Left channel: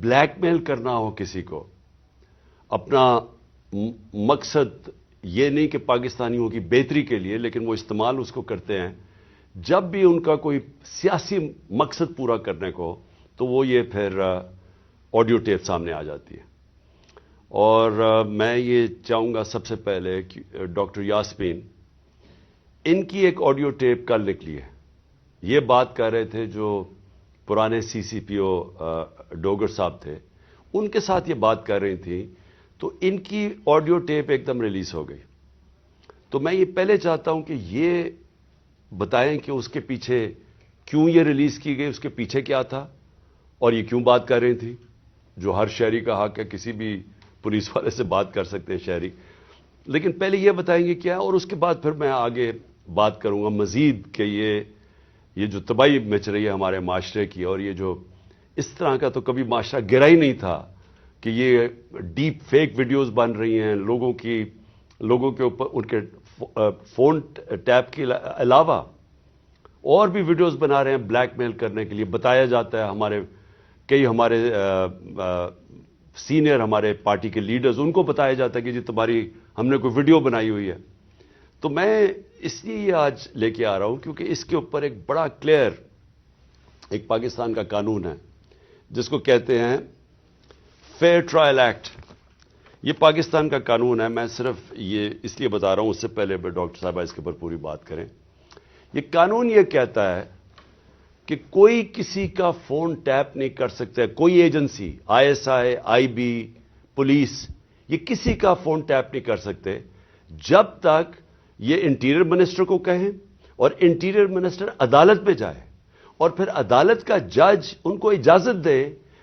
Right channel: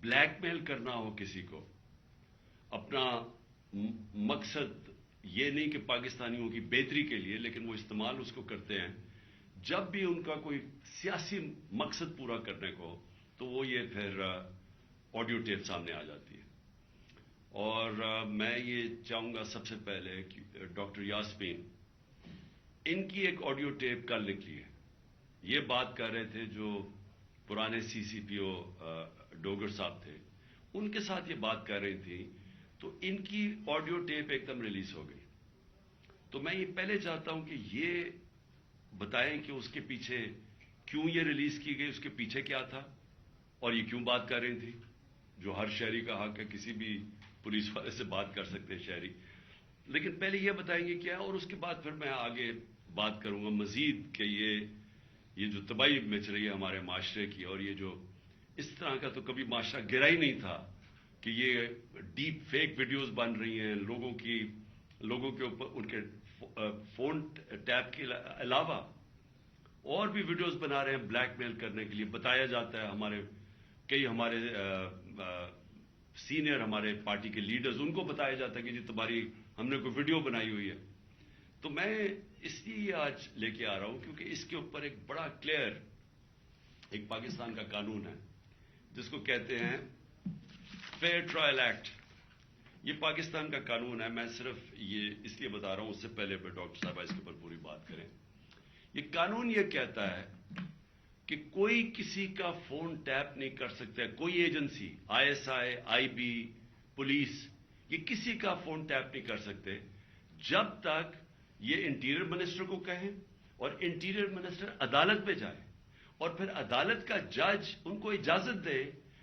Black میل کرنا ہو کسی کو، اپنا مقصد یہ نہیں کہ پاکستانیوں کی بہتری کے لیے، لیکن وہ استعمال اس کو کرتے ہیں جب بھی ان کا کوئی سیاسی مقصد پورا کرنے کو، تو وہ یہ پھر آڈیو ٹیپ سامنے آ جاتی ہے۔ اور میں یہ چاہوں گا سب سے پہلے کہ ڈاکٹر یاسمین، ان کی ایک آڈیو ٹیپ کل نکلی ہے، یہ بات کر رہے تھے جو پرانے سی سی پی او ڈوگر صاحب تھے، ان کے ساتھ یہ بات کر رہی تھیں، تو ان کی آڈیو ٹیپ ایک دم ریلیز ہو گئی۔ تو میں یہ پہلے چاہتا ہوں کہ یہ بتائیں کہ اس کے پیچھے کیوں یہ ریلیز کی گئی، اس کے پیچھے کیا تھا، اور یہ کیوں بات کر رہی تھی، جو ہر شہری کا حق ہے، کسی بھی پولیس والے سے بات کر سکتے ہیں شہری، لیکن پہلے یہ بتائیں گے کیا، اور اس کے بعد پھر میں آگے بات کروں گا مزید کہ یہ جو تباہی مچ رہی ہے ہمارے معاشرے کی، اور یہ جو اس طرح کا تو کبھی معاشرہ گرا ہی نہیں تھا کہ یہ ڈیپ فیک ویڈیوز بن رہی ہیں لوگوں کے اوپر، ان کے فون ٹیپ کے علاوہ اور بھی ویڈیوز بنا رہے ہیں بلیک میل کرنے کے لیے۔ بتایا جاتا ہے کئی ہمارے سینئر ہمارے پارٹی کے لیڈرز، ان کو بتایا جاتا ہے کہ جی تمہاری ہم نے کوئی ویڈیو بنائی ہوئی ہے۔ تو میں اس لیے یہ آج لے کے آ رہا ہوں کیونکہ اس کے اوپر ایک بڑا کلیئر ایک پاکستان کا قانون ہے جس کو کہتے ہیں فیئر ٹرائل ایکٹ۔ یہ پاکستان کا قانون ہے، میں صرف یہ اس لیے بتا رہا ہوں، اس سے پہلے ڈاکٹر صاحبہ اس کے اوپر پوری بات کریں۔ یہ قانون یہ کہتا ہے کہ کوئی کسی کا فون ٹیپ نہیں کر سکتا، کوئی agency, I S I, I B, police, یہ کسی کا فون ٹیپ نہیں کر سکتے جب تک یہ انٹیریئر منسٹر کو کہیں اور انٹیریئر منسٹر عدالت میں جائے اور پھر عدالت کا جج ان کو اجازت دے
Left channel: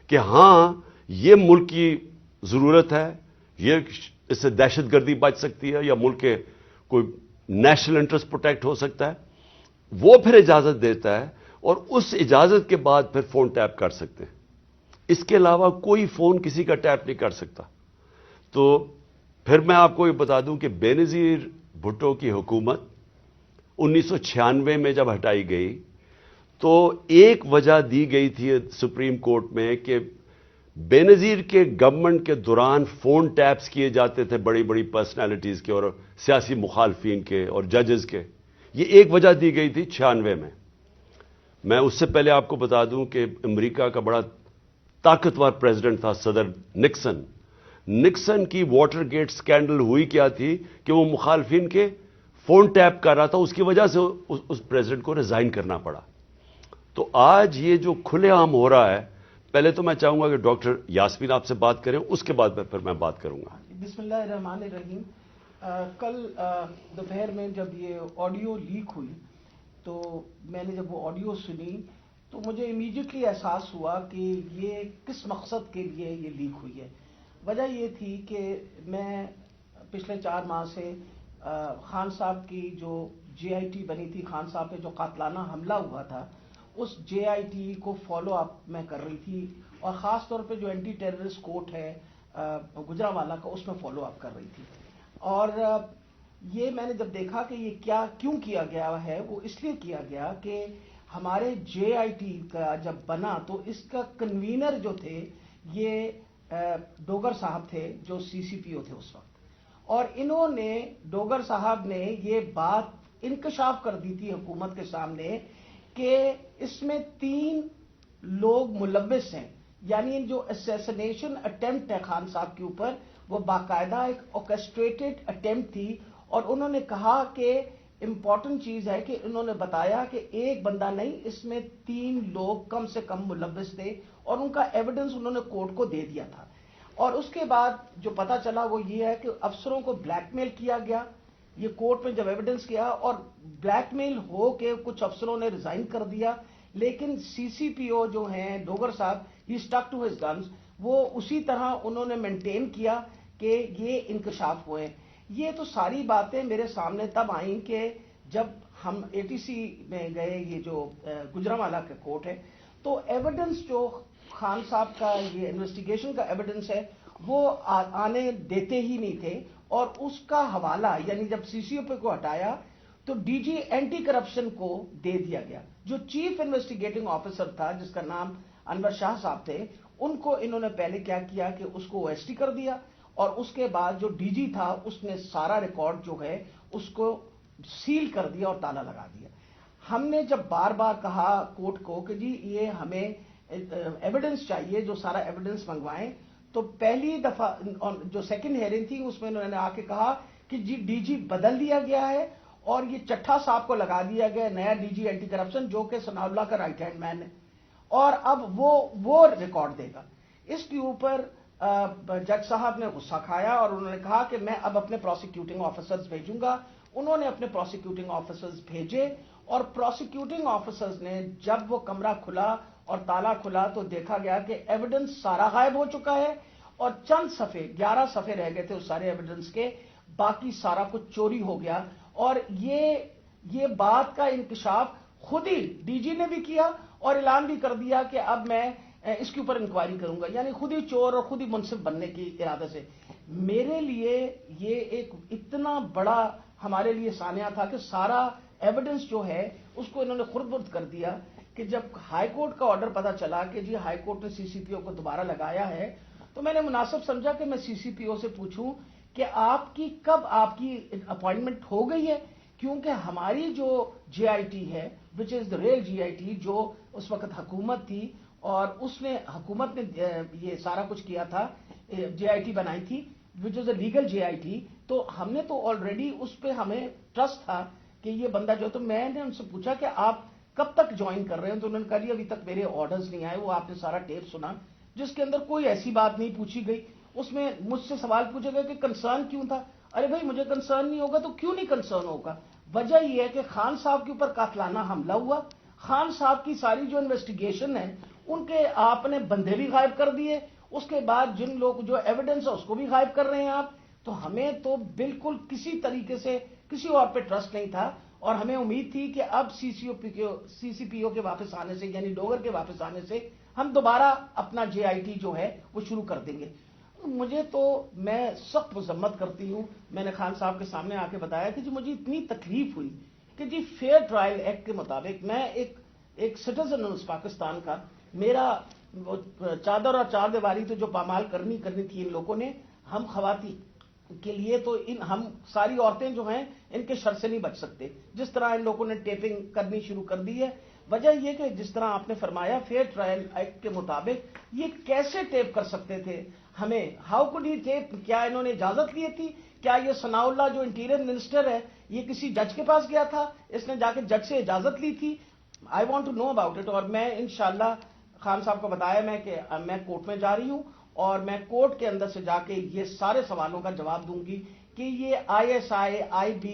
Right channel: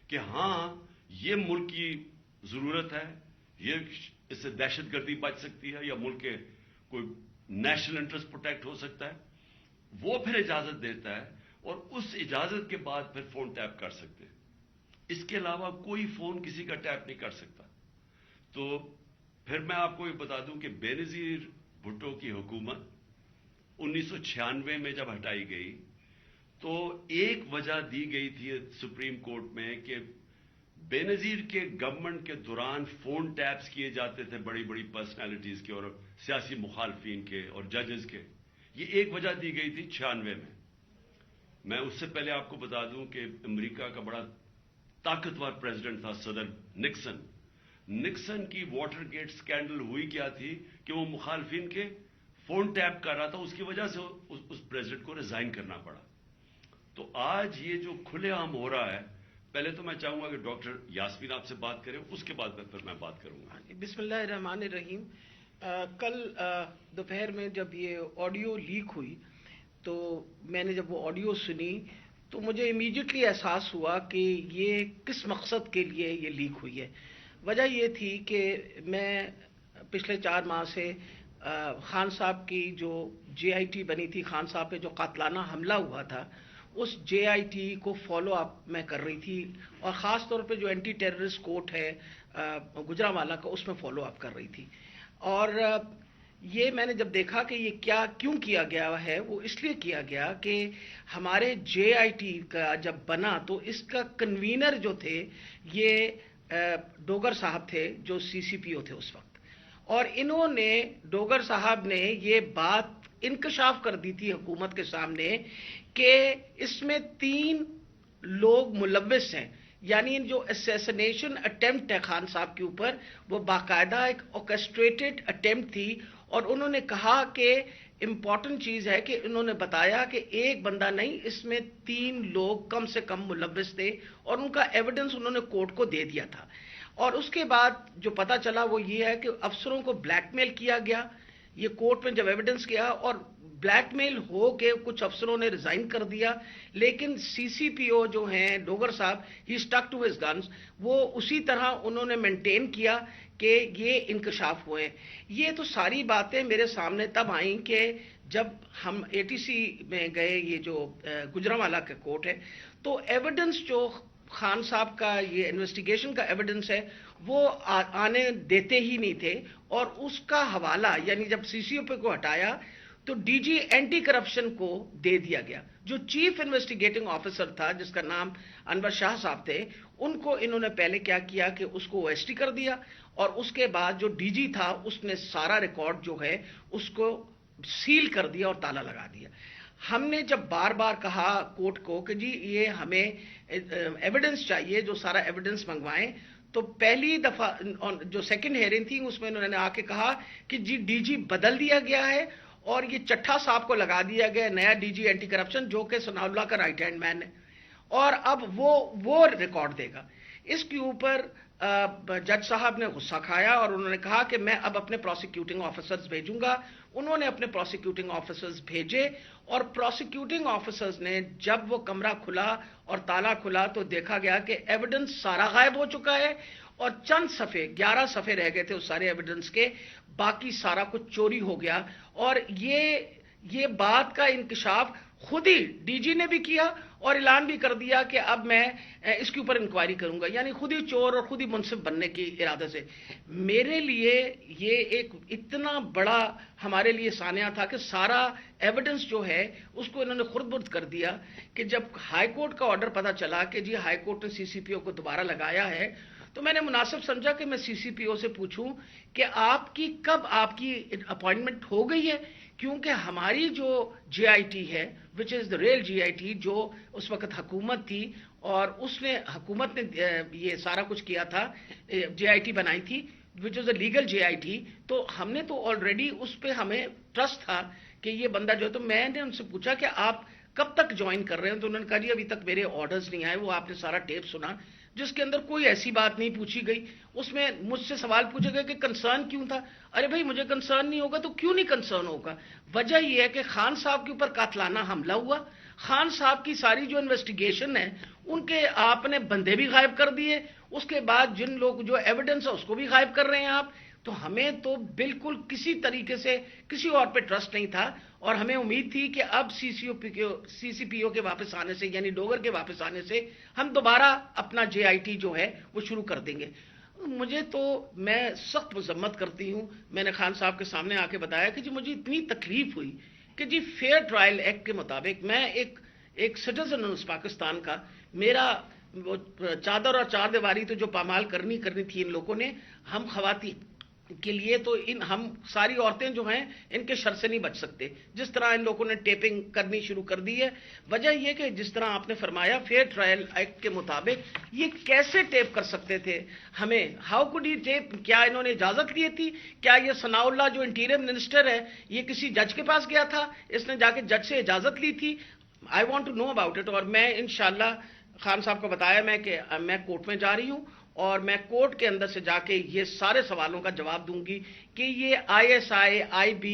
کہ ہاں یہ ملک کی ضرورت ہے، یہ اس سے دہشت گردی بچ سکتی ہے یا ملک کے کوئی نیشنل انٹرسٹ پروٹیکٹ ہو سکتا ہے، وہ پھر اجازت دیتا ہے اور اس اجازت کے بعد پھر فون ٹیپ کر سکتے ہیں۔ اس کے علاوہ کوئی فون کسی کا ٹیپ نہیں کر سکتا۔ تو پھر میں آپ کو یہ بتا دوں کہ بے نظیر بھٹو کی حکومت 1996 میں جب ہٹائی گئی تو ایک وجہ دی گئی تھی سپریم کورٹ میں کہ بے نظیر کے گورنمنٹ کے دوران فون ٹیپس کیے جاتے تھے بڑی بڑی پرسنالٹیز کے اور سیاسی مخالفین کے اور ججز کے، یہ ایک وجہ دی گئی تھی 96 میں۔ میں اس سے پہلے آپ کو بتا دوں کہ امریکہ کا بڑا طاقتور پریزیڈنٹ تھا صدر نکسن کی واٹر گیٹ سکینڈل ہوئی کیا تھی کہ وہ مخالفین کے فون ٹیپ کر رہا تھا، اس کی وجہ سے اس پریزیڈنٹ کو ریزائن کرنا پڑا۔ تو آج یہ جو کھلے عام ہو رہا ہے، پہلے تو میں چاہوں گا کہ ڈاکٹر یاسمین آپ سے بات کریں، اس کے بعد پھر میں بات کروں گا۔ بسم اللہ الرحمن الرحیم۔ کل دوپہر میں جب یہ آڈیو لیک ہوئی تو میں نے جب وہ آڈیو سنی تو مجھے امیڈیٹلی احساس ہوا کہ یہ کس مقصد کے لیے یہ لیک ہوئی ہے۔ وجہ یہ تھی کہ میں پچھلے 4 ماہ سے خان صاحب کی جو جے آئی ٹی بنی تھی، خان صاحب پہ جو قاتلانہ حملہ ہوا تھا، اس جے آئی ٹی کو فالو اپ میں کر رہی تھی، اور خاص طور پہ جو اینٹی ٹیررسٹ کورٹ ہے گجرانوالہ کا، اس میں فالو اپ کر رہی تھی۔ اور یہ میں نے جب دیکھا کہ یہ کیوں کیا گیا ہے، وہ اس لیے کیا گیا کہ ہمارے جے آئی ٹی کا جب بنا تو اس کا کنوینر جو تھے یہ ڈوگر صاحب تھے جو سی سی پی او تھے اس وقت، اور انہوں نے ڈوگر صاحب نے یہ بات انکشاف کر دی تھی حکومت کے سامنے کہ اس میں 3 لوگ ملوث ہیں، یعنی جو اسیسنیشن اٹیمپٹ ہے خان صاحب کے اوپر، وہ باقاعدہ ایک آرکسٹریٹڈ اٹیمپٹ تھی۔ اور انہوں نے کہا کہ امپورٹنٹ چیز ہے کہ انہوں نے بتایا کہ ایک بندہ نہیں، اس میں 3 لوگ کم سے کم ملوث تھے، اور ان کا ایویڈنس انہوں نے کورٹ کو دے دیا تھا۔ اور اس کے بعد جو پتا چلا وہ یہ ہے کہ افسروں کو بلیک میل کیا گیا، یہ کورٹ میں جب ایویڈنس کیا، اور بلیک میل ہو کے کچھ افسروں نے ریزائن کر دیا، لیکن سی سی پی او جو ہیں ڈوگر صاحب، ہی اسٹک ٹو ہز گنز، وہ اسی طرح انہوں نے مینٹین کیا کہ یہ انکشاف ہوئے۔ یہ تو ساری باتیں میرے سامنے تب آئیں کہ جب ہم اے ٹی سی میں گئے، یہ جو گجرانوالہ کا کورٹ ہے، تو ایویڈنس جو خان صاحب کا یہ انویسٹیگیشن کا ایویڈنس ہے وہ آنے دیتے ہی نہیں تھے، اور اس کا حوالہ یعنی جب سی سی او پی کو ہٹایا تو ڈی جی اینٹی کرپشن کو دے دیا گیا۔ جو چیف انویسٹیگیٹنگ آفیسر تھا جس کا نام انور شاہ صاحب تھے، ان کو انہوں نے پہلے کیا کیا کہ اس کو OST کر دیا, اور اس کے بعد جو DG تھا اس نے سارا ریکارڈ جو ہے اس کو سیل کر دیا اور تالا لگا دیا. ہم نے جب بار بار کہا کورٹ کو کہ جی یہ ہمیں ایویڈنس چاہیے, جو سارا ایویڈنس منگوائیں, تو پہلی دفعہ جو سیکنڈ ہیئرنگ تھی اس میں انہوں نے آ کے کہا کہ جی DG بدل دیا گیا ہے اور یہ چٹھا صاحب کو لگا دیا گیا نیا DG اینٹی کرپشن, جو کہ ثناء اللہ کا رائٹ ہینڈ مین ہے, اور اب وہ ریکارڈ دے گا. اس کے اوپر جج صاحب نے غصہ کھایا اور انہوں نے کہا کہ میں اب اپنے پروسیکیوٹنگ آفیسرز بھیجوں گا. انہوں نے اپنے پروسیکیوٹنگ آفیسرز بھیجے, اور پروسیکیوٹنگ آفیسرز نے جب وہ کمرہ کھلا اور تالا کھلا تو دیکھا گیا کہ ایویڈنس سارا غائب ہو چکا ہے, اور چند صفحے 11 صفحے رہ گئے تھے اس سارے ایویڈنس کے, باقی سارا کچھ چوری ہو گیا. اور یہ بات کا انکشاف خود ہی DG نے بھی کیا اور اعلان بھی کر دیا کہ اب میں اس کے اوپر انکوائری کروں گا, یعنی خود ہی چور اور خود ہی منصف بننے کی ارادے سے. میرے لیے یہ ایک اتنا بڑا ہمارے لیے سانحہ تھا کہ سارا ایویڈنس جو ہے اس کو انہوں نے خرد برد کر دیا, کہ جب ہائی کورٹ کا آرڈر پتا چلا کہ جی ہائی کورٹ نے CCPO کو دوبارہ لگایا ہے, تو میں نے مناسب سمجھا کہ میں CCPO سے پوچھوں کہ کب آپ کی اپوائنٹمنٹ ہو گئی ہے, کیونکہ ہماری جو GIT ہے وچ از دا ریل GIT, جو اس وقت حکومت تھی اور حکومت نے یہ سارا کچھ کیا تھا, GIT بنائی تھی وچ از اے لیگل GIT, تو ہم نے تو آلریڈی اس پہ ہمیں ٹرسٹ تھا کہ یہ بندہ جو ہے. تو میں نے ان سے پوچھا کہ آپ کب تک جوائن کر رہے ہیں, تو انہوں نے کہا جی ابھی تک میرے آرڈرز نہیں آئے. وہ آپ نے سارا ٹیپ سنا جس کے اندر کوئی ایسی بات نہیں پوچھی گئی. اس میں مجھ سے سوال پوچھے گئے کہ کنسرن کیوں تھا. ارے بھائی مجھے کنسرن نہیں ہوگا تو کیوں نہیں کنسرن ہوگا؟ وجہ یہ ہے کہ خان صاحب کے اوپر قاتلانہ حملہ ہوا, خان صاحب کی ساری جو انویسٹیگیشن ہے ان کے آپ نے بندے بھی غائب کر دیے, اس کے بعد جن لوگ جو ایویڈنس ہے اس کو بھی غائب کر رہے ہیں آپ. تو ہمیں تو بالکل کسی طریقے سے کسی اور پہ ٹرسٹ نہیں تھا, اور ہمیں امید تھی کہ اب CCPO کے واپس آنے سے, یعنی ڈوگر کے واپس آنے سے ہم دوبارہ اپنا JIT جو ہے وہ شروع کر دیں گے. میں سخت مذمت کرتی ہوں. میں نے خان صاحب کے سامنے آ کے بتایا کہ جی مجھے اتنی تکلیف ہوئی کہ جی فیئر ٹرائل ایکٹ کے مطابق میں ایک سٹیزن ہوں اس پاکستان کا, میرا چادر اور چار دیواری تو جو پامال کرنی تھی ان لوگوں نے, ہم خواتین کے لیے تو ہم ساری عورتیں جو ہیں ان کے شر سے نہیں بچ سکتے. جس طرح ان لوگوں نے ٹیپنگ کرنی شروع کر دی ہے, وجہ یہ کہ جس طرح آپ نے فرمایا فیئر ٹرائل ایکٹ کے مطابق یہ کیسے ٹیپ کر سکتے تھے ہمیں, ہاؤ کوڈ ہی ٹیپ, کیا انہوں نے اجازت لی تھی؟ کیا یہ ثناء اللہ جو انٹیریئر منسٹر ہے یہ کسی جج کے پاس گیا تھا, اس نے جا کے جج سے اجازت لی تھی؟ I want to know about it. اور میں انشاءاللہ خان صاحب کو بتایا کہ میں کورٹ میں جا رہی ہوں اور میں کورٹ کے اندر سے جا کے یہ سارے سوالوں کا جواب دوں گی کہ یہ ISI, IB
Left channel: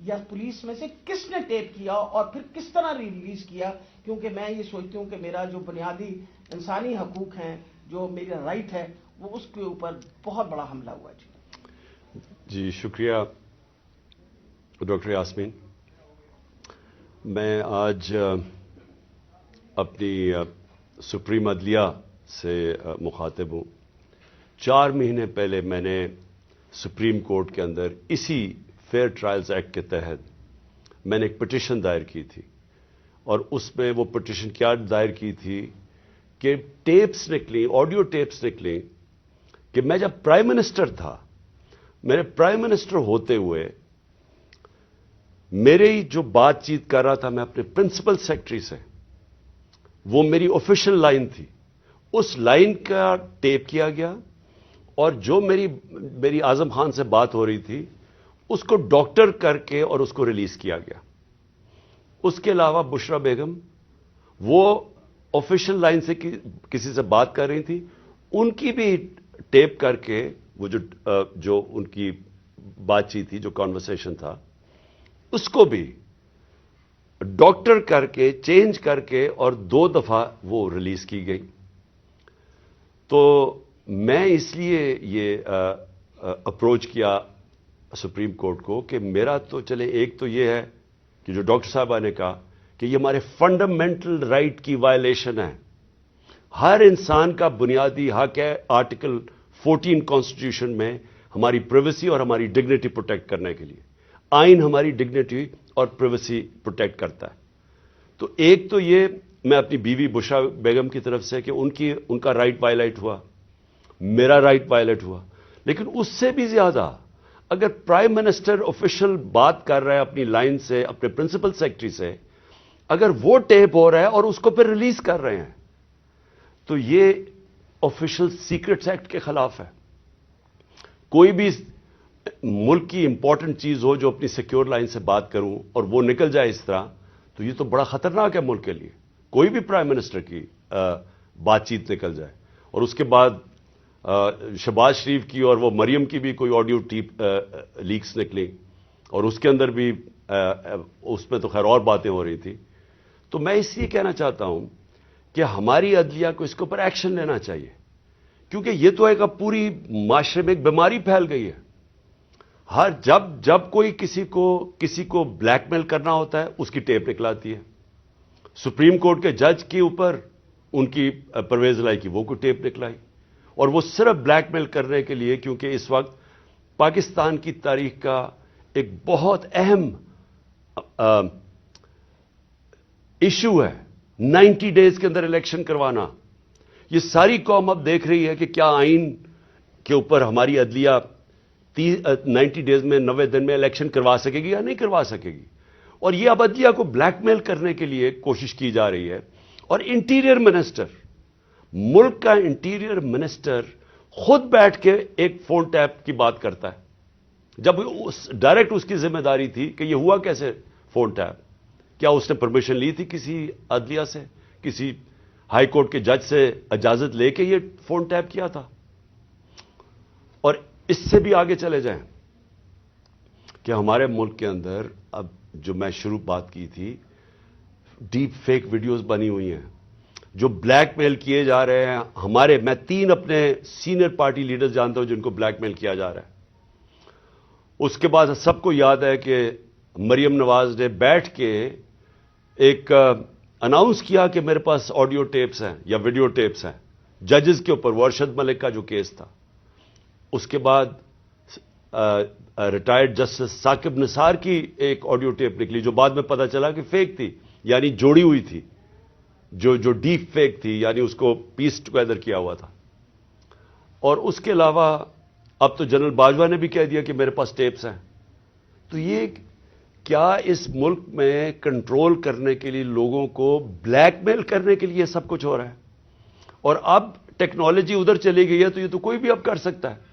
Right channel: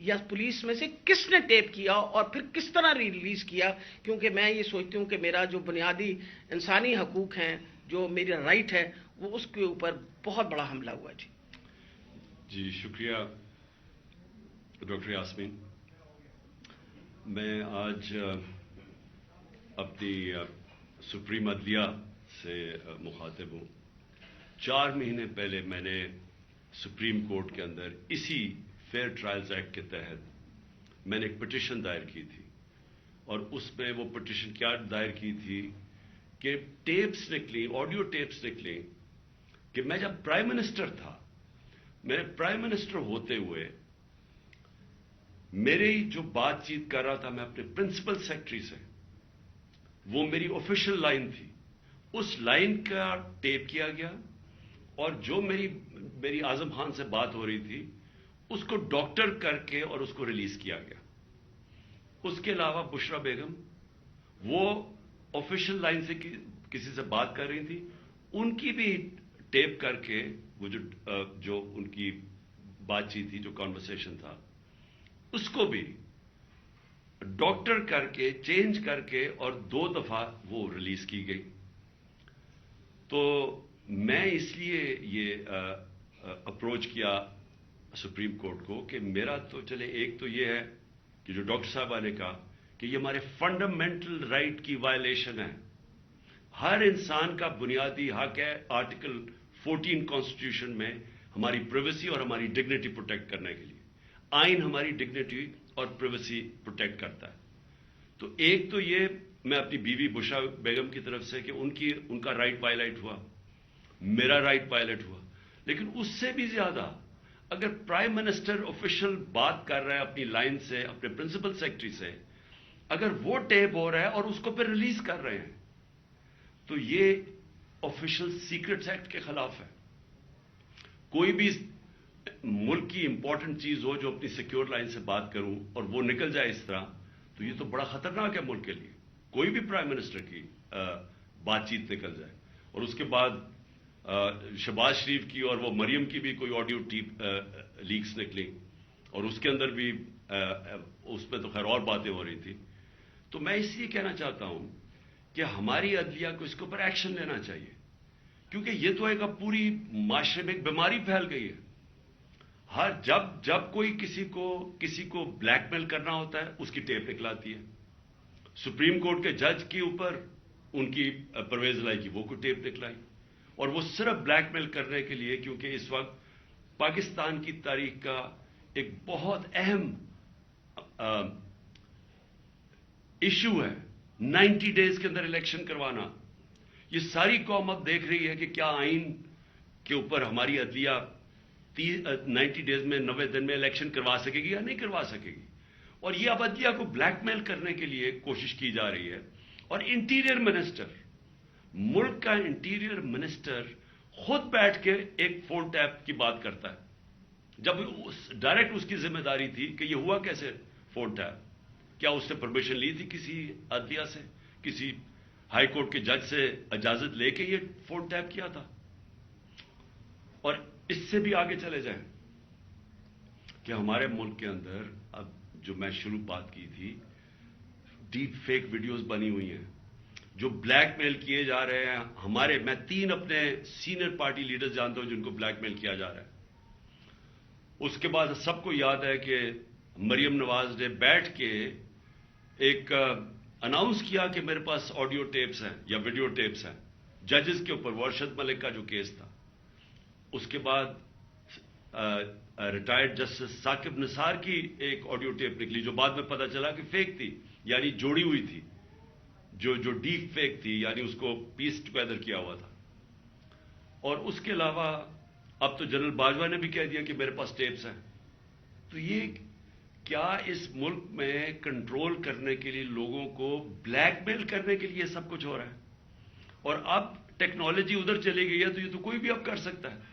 یا پولیس میں سے کس نے ٹیپ کیا اور پھر کس طرح ریلیز کیا, کیونکہ میں یہ سوچتی ہوں کہ میرا جو بنیادی انسانی حقوق ہیں, جو میرا رائٹ ہے, وہ اس کے اوپر بہت بڑا حملہ ہوا. جی شکریہ ڈاکٹر یاسمین. میں آج اپنی سپریم عدلیہ سے مخاطب ہوں. 4 مہینے پہلے میں نے سپریم کورٹ کے اندر اسی فیئر ٹرائلز ایکٹ کے تحت میں نے ایک پٹیشن دائر کی تھی, اور اس میں وہ پٹیشن کیا دائر کی تھی کہ ٹیپس نکلی, آڈیو ٹیپس نکلی کہ میں جب پرائم منسٹر تھا, میرے پرائم منسٹر ہوتے ہوئے میرے جو بات چیت کر رہا تھا میں اپنے پرنسپل سیکرٹری سے, وہ میری آفیشیل لائن تھی, اس لائن کا ٹیپ کیا گیا, اور جو میری اعظم خان سے بات ہو رہی تھی اس کو ڈاکٹر کر کے اور اس کو ریلیز کیا گیا. اس کے علاوہ بشرا بیگم وہ آفیشیل لائن سے کسی سے بات کر رہی تھی, ان کی بھی ٹیپ کر کے وہ جو ان کی بات چیت تھی, جو کانورسیشن تھا, اس کو بھی ڈاکٹر کر کے چینج کر کے اور 2 دفعہ وہ ریلیز کی گئی. تو میں اس لیے یہ اپروچ کیا سپریم کورٹ کو کہ میرا تو چلے, ایک تو یہ ہے کہ جو ڈاکٹر صاحبہ نے کہا کہ یہ ہمارے فنڈامنٹل رائٹ کی وائلیشن ہے. ہر انسان کا بنیادی حق ہے آرٹیکل 14 کانسٹیٹیوشن میں ہماری پرائیویسی اور ہماری ڈگنیٹی پروٹیکٹ کرنے کے لیے. آئین ہماری ڈگنیٹی اور پرائیویسی پروٹیکٹ کرتا ہے. تو ایک تو یہ میں اپنی بیوی بشرا بیگم کی طرف سے کہ ان کا رائٹ وائلیٹ ہوا, میرا رائٹ وائلیٹ ہوا. لیکن اس سے بھی زیادہ اگر پرائم منسٹر آفیشل بات کر رہا ہے اپنی لائن سے, اپنے پرنسپل سیکرٹری سے, اگر وہ ٹیپ ہو رہا ہے اور اس کو پھر ریلیز کر رہے ہیں, تو یہ آفیشل سیکرٹس ایکٹ کے خلاف ہے. کوئی بھی ملک کی امپورٹنٹ چیز ہو جو اپنی سیکیور لائن سے بات کروں اور وہ نکل جائے اس طرح, تو یہ تو بڑا خطرناک ہے ملک کے لیے. کوئی بھی پرائم منسٹر کی بات چیت نکل جائے, اور اس کے بعد شہباز شریف کی اور وہ مریم کی بھی کوئی آڈیو ٹیپ لیکس نکلی, اور اس کے اندر بھی اس میں تو خیر اور باتیں ہو رہی تھی. تو میں اس لیے کہنا چاہتا ہوں کہ ہماری عدلیہ کو اس کے اوپر ایکشن لینا چاہیے, کیونکہ یہ تو ایک اب پوری معاشرے میں ایک بیماری پھیل گئی ہے. ہر جب کوئی کسی کو بلیک میل کرنا ہوتا ہے اس کی ٹیپ نکلاتی ہے. سپریم کورٹ کے جج کے اوپر ان کی پرویز لائی کی وہ کوئی ٹیپ نکلائی, اور وہ صرف بلیک میل کرنے کے لیے, کیونکہ اس وقت پاکستان کی تاریخ کا ایک بہت اہم ایشو ہے 90 ڈیز کے اندر الیکشن کروانا. یہ ساری قوم اب دیکھ رہی ہے کہ کیا آئین کے اوپر ہماری عدلیہ 90 ڈیز میں 90 دن میں الیکشن کروا سکے گی یا نہیں کروا سکے گی. اور یہ اب عدلیہ کو بلیک میل کرنے کے لیے کوشش کی جا رہی ہے. اور انٹیریئر منسٹر, ملک کا انٹیریئر منسٹر خود بیٹھ کے ایک فون ٹیپ کی بات کرتا ہے, جب ڈائریکٹ اس کی ذمہ داری تھی کہ یہ ہوا کیسے فون ٹیپ. کیا اس نے پرمیشن لی تھی کسی عدلیہ سے, کسی ہائی کورٹ کے جج سے اجازت لے کے یہ فون ٹیپ کیا تھا؟ اور اس سے بھی آگے چلے جائیں کہ ہمارے ملک کے اندر اب جو میں شروع بات کی تھی, ڈیپ فیک ویڈیوز بنی ہوئی ہیں جو بلیک میل کیے جا رہے ہیں. میں 3 اپنے سینئر پارٹی لیڈرز جانتا ہوں جن کو بلیک میل کیا جا رہا ہے. اس کے بعد سب کو یاد ہے کہ مریم نواز نے بیٹھ کے ایک اناؤنس کیا کہ میرے پاس آڈیو ٹیپس ہیں یا ویڈیو ٹیپس ہیں ججز کے اوپر, وہ ارشد ملک کا جو کیس تھا. اس کے بعد ریٹائرڈ جسٹس ثاقب نثار کی ایک آڈیو ٹیپ نکلی جو بعد میں پتا چلا کہ فیک تھی, یعنی جوڑی ہوئی تھی, جو ڈیپ فیک تھی, یعنی اس کو پیس ٹوگیدر کیا ہوا تھا. اور اس کے علاوہ اب تو جنرل باجوہ نے بھی کہہ دیا کہ میرے پاس ٹیپس ہیں. تو یہ کیا اس ملک میں کنٹرول کرنے کے لیے, لوگوں کو بلیک میل کرنے کے لیے سب کچھ ہو رہا ہے؟ اور اب ٹیکنالوجی ادھر چلی گئی ہے تو یہ تو کوئی بھی اب کر سکتا ہے.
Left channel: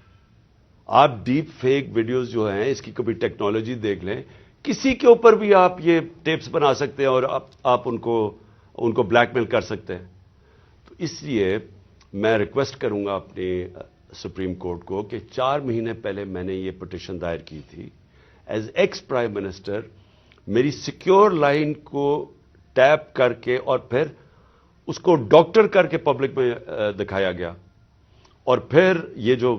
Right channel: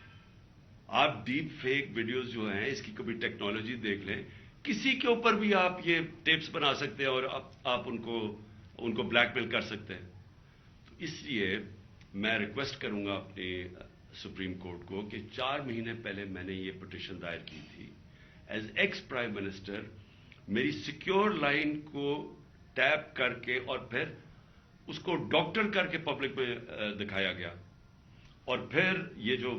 آپ ڈیپ فیک ویڈیوز جو ہیں اس کی کبھی ٹیکنالوجی دیکھ لیں, کسی کے اوپر بھی آپ یہ ٹیپس بنا سکتے ہیں اور آپ ان کو بلیک میل کر سکتے ہیں. تو اس لیے میں ریکویسٹ کروں گا اپنے سپریم کورٹ کو کہ 4 مہینے پہلے میں نے یہ پٹیشن دائر کی تھی. ایز ایکس پرائم منسٹر میری سیکیور لائن کو ٹیپ کر کے اور پھر اس کو ڈاکٹر کر کے پبلک میں دکھایا گیا, اور پھر یہ جو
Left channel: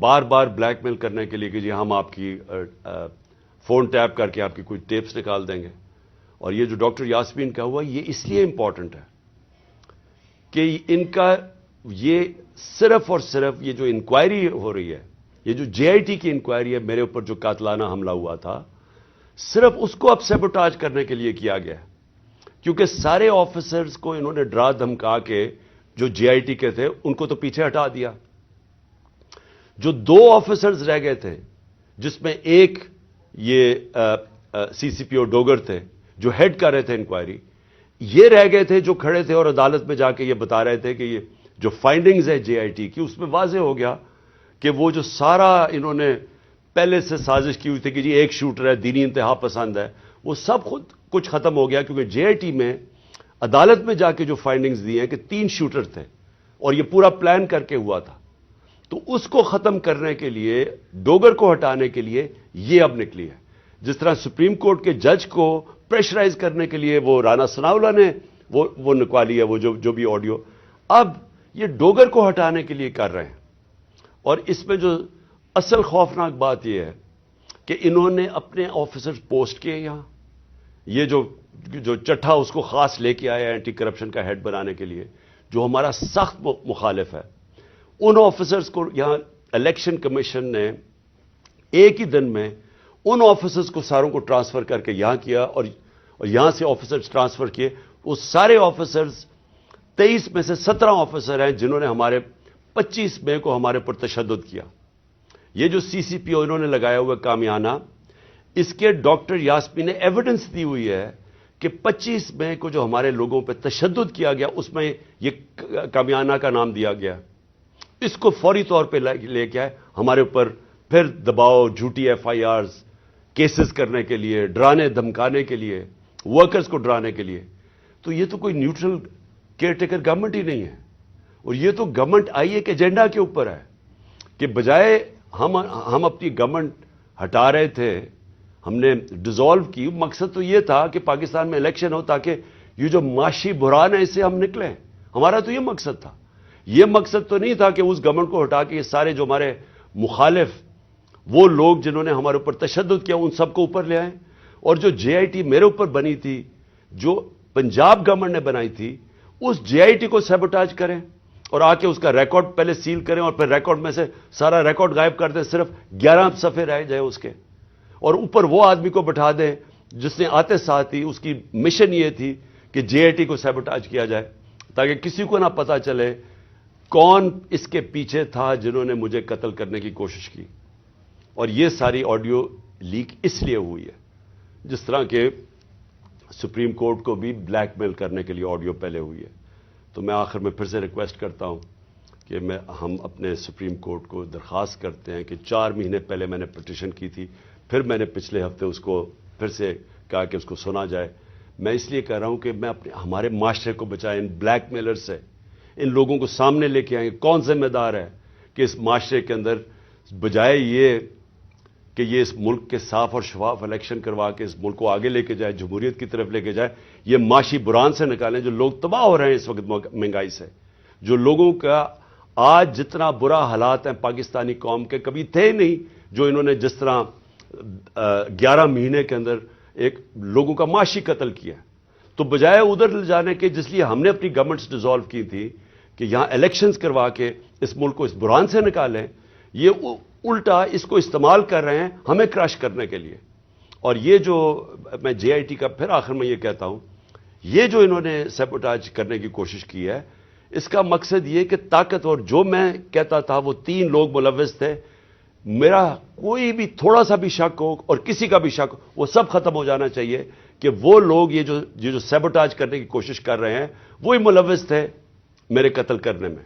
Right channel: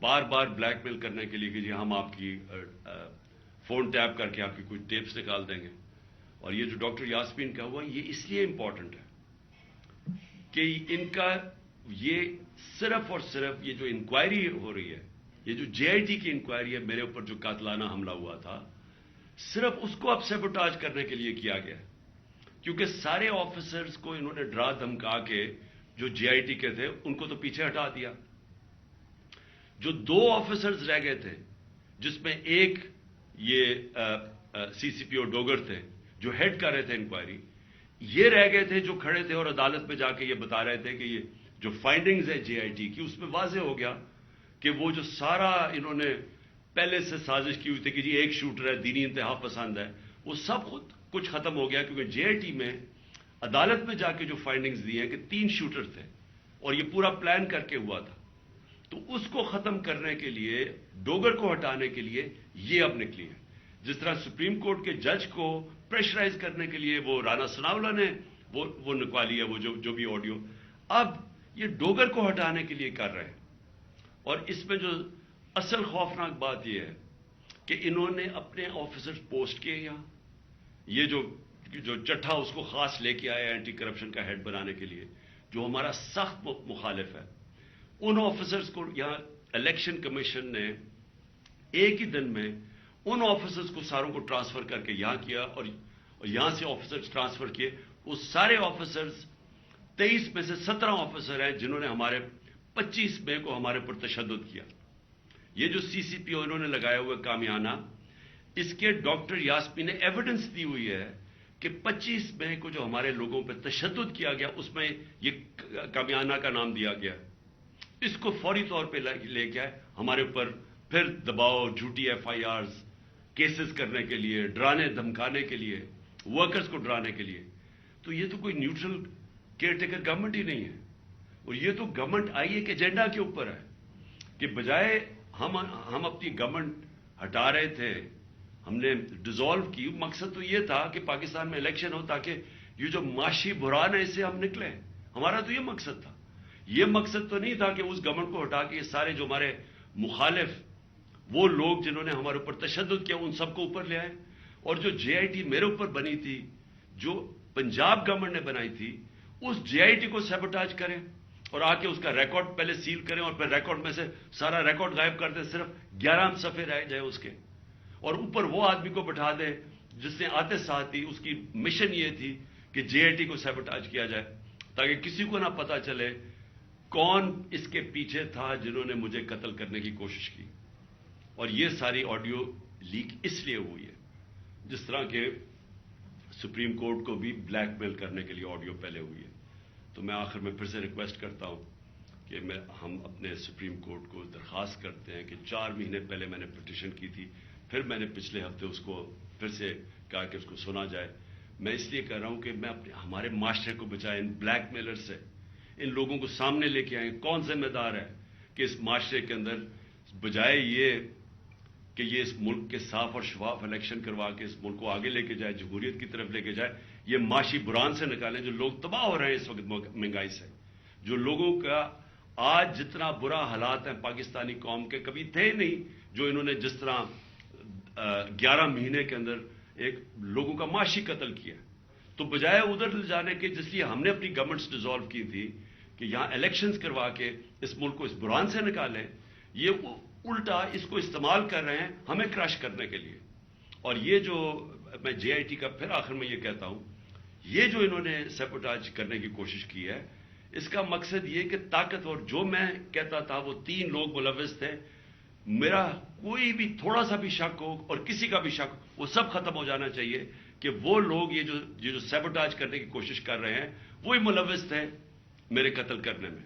بار بار بلیک میل کرنے کے لیے کہ جی ہم آپ کی فون ٹیپ کر کے آپ کی کوئی ٹیپس نکال دیں گے. اور یہ جو ڈاکٹر یاسمین کا ہوا یہ اس لیے امپورٹنٹ ہے کہ ان کا یہ صرف اور صرف یہ جو انکوائری ہو رہی ہے, یہ جو جے آئی ٹی کی انکوائری ہے میرے اوپر جو قاتلانہ حملہ ہوا تھا, صرف اس کو اب سیبوٹاج کرنے کے لیے کیا گیا. کیونکہ سارے آفیسرز کو انہوں نے ڈرا دھمکا کے جو جے آئی ٹی کے تھے ان کو تو پیچھے ہٹا دیا. جو 2 آفیسرز رہ گئے تھے, جس میں ایک یہ سی سی پی او ڈوگر تھے جو ہیڈ کر رہے تھے انکوائری, یہ رہ گئے تھے جو کھڑے تھے اور عدالت میں جا کے یہ بتا رہے تھے کہ یہ جو فائنڈنگز ہے جے آئی ٹی کی, اس میں واضح ہو گیا کہ وہ جو سارا انہوں نے پہلے سے سازش کی ہوئی تھی کہ جی ایک شوٹر ہے, دینی انتہا پسند ہے, وہ سب خود کچھ ختم ہو گیا. کیونکہ جے آئی ٹی میں عدالت میں جا کے جو فائنڈنگز دی ہیں کہ 3 شوٹر تھے اور یہ پورا پلان کر کے ہوا تھا. تو اس کو ختم کرنے کے لیے, ڈوگر کو ہٹانے کے لیے یہ اب نکلی ہے. جس طرح سپریم کورٹ کے جج کو پریشرائز کرنے کے لیے وہ رانا ثناءاللہ نے وہ نکوالی ہے, وہ جو بھی آڈیو, اب یہ ڈوگر کو ہٹانے کے لیے کر رہے ہیں. اور اس میں جو اصل خوفناک بات یہ ہے کہ انہوں نے اپنے آفیسرز پوسٹ کیے یہاں, یہ جو چٹھا اس کو خاص لے کے آیا اینٹی کرپشن کا ہیڈ بنانے کے لیے, جو ہمارا سخت مخالف ہے. ان آفیسرز کو یہاں الیکشن کمیشن نے ایک ہی دن میں ان آفیسرز کو ساروں کو ٹرانسفر کر کے یہاں کیا, اور یہاں سے آفیسرز ٹرانسفر کیے. وہ سارے آفیسرز 23 میں سے 17 آفیسر ہیں جنہوں نے ہمارے 25 مئی کو ہمارے پر تشدد کیا. یہ جو سی سی پی او انہوں نے لگایا ہوا کامیانہ، اس کے ڈاکٹر یاسمین نے ایویڈنس دی ہوئی ہے کہ 25 مئی کو جو ہمارے لوگوں پہ تشدد کیا گیا اس میں یہ کامیانہ کا نام دیا گیا. اس کو فوری طور پہ لے کے آئے ہمارے اوپر پھر دباؤ، جھوٹی ایف آئی آرز کیسز کرنے کے لیے، ڈرانے دھمکانے کے لیے، ورکرز کو ڈرانے کے لیے. تو یہ تو کوئی نیوٹرل کیئر ٹیکر گورنمنٹ ہی نہیں ہے. اور یہ تو گورنمنٹ آئی ایک ایجنڈا کے اوپر ہے کہ بجائے ہم اپنی گورنمنٹ ہٹا رہے تھے، ہم نے ڈیزالو کی. مقصد تو یہ تھا کہ پاکستان میں الیکشن ہو تاکہ یہ جو معاشی بحران ہے اس سے ہم نکلیں. ہمارا تو یہ مقصد تھا. یہ مقصد تو نہیں تھا کہ اس گورنمنٹ کو ہٹا کے یہ سارے جو ہمارے مخالف وہ لوگ جنہوں نے ہمارے اوپر تشدد کیا ان سب کو اوپر لے آئیں. اور جو جے آئی ٹی میرے اوپر بنی تھی، جو پنجاب گورنمنٹ نے بنائی تھی، اس جے آئی ٹی کو سیبوٹاج کریں اور آ کے اس کا ریکارڈ پہلے سیل کریں اور پھر ریکارڈ میں سے سارا ریکارڈ غائب کر دیں، صرف 11 صفحے رہ جائیں اس کے. اور اوپر وہ آدمی کو بٹھا دیں جس نے آتے ساتھ ہی اس کی مشن یہ تھی کہ جے آئی ٹی کو سیبوٹاج کیا جائے تاکہ کسی کو نہ پتا چلے کون اس کے پیچھے تھا جنہوں نے مجھے قتل کرنے کی کوشش کی. اور یہ ساری آڈیو لیک اس لیے ہوئی ہے، جس طرح کہ سپریم کورٹ کو بھی بلیک میل کرنے کے لیے آڈیو پہلے ہوئی ہے. تو میں آخر میں پھر سے ریکویسٹ کرتا ہوں کہ ہم اپنے سپریم کورٹ کو درخواست کرتے ہیں کہ 4 مہینے پہلے میں نے پٹیشن کی تھی، پھر میں نے پچھلے ہفتے اس کو پھر سے کہا کہ اس کو سنا جائے. میں اس لیے کہہ رہا ہوں کہ میں ہمارے معاشرے کو بچائیں ان بلیک میلر سے. ان لوگوں کو سامنے لے کے آئیں. کون ذمہ دار ہے کہ اس معاشرے کے اندر بجائے یہ کہ یہ اس ملک کے صاف اور شفاف الیکشن کروا کے اس ملک کو آگے لے کے جائے، جمہوریت کی طرف لے کے جائے، یہ معاشی بحران سے نکالیں. جو لوگ تباہ ہو رہے ہیں اس وقت مہنگائی سے، جو لوگوں کا آج جتنا برا حالات ہیں پاکستانی قوم کے کبھی تھے نہیں، جو انہوں نے جس طرح 11 مہینے کے اندر ایک لوگوں کا معاشی قتل کیا. تو بجائے ادھر لے جانے کے جس لیے ہم نے اپنی گورنمنٹس ڈیزالو کی تھی کہ یہاں الیکشنز کروا کے اس ملک کو اس بحران سے نکالیں، یہ الٹا اس کو استعمال کر رہے ہیں ہمیں کراش کرنے کے لیے. اور یہ جو میں جے آئی ٹی کا پھر آخر میں یہ کہتا ہوں، یہ جو انہوں نے سیبوٹاج کرنے کی کوشش کی ہے، اس کا مقصد یہ کہ طاقتور، جو میں کہتا تھا وہ 3 لوگ ملوث تھے، میرا کوئی بھی تھوڑا سا بھی شک ہو اور کسی کا بھی شک ہو وہ سب ختم ہو جانا چاہیے کہ وہ لوگ یہ جو سیبوٹاج کرنے کی کوشش کر رہے ہیں وہی ملوث تھے میرے قتل کرنے میں.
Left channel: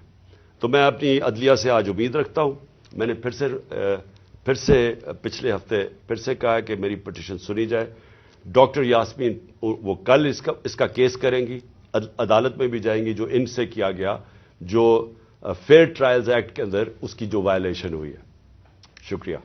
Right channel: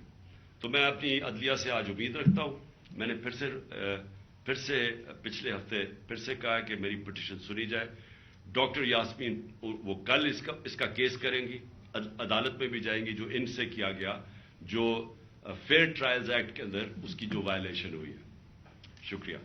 تو میں اپنی عدلیہ سے آج امید رکھتا ہوں. میں نے پھر سے پچھلے ہفتے پھر سے کہا کہ میری پٹیشن سنی جائے. ڈاکٹر یاسمین وہ کل اس کا کیس کریں گی، عدالت میں بھی جائیں گی جو ان سے کیا گیا، جو فیئر ٹرائلز ایکٹ کے اندر اس کی جو وائلیشن ہوئی ہے. شکریہ.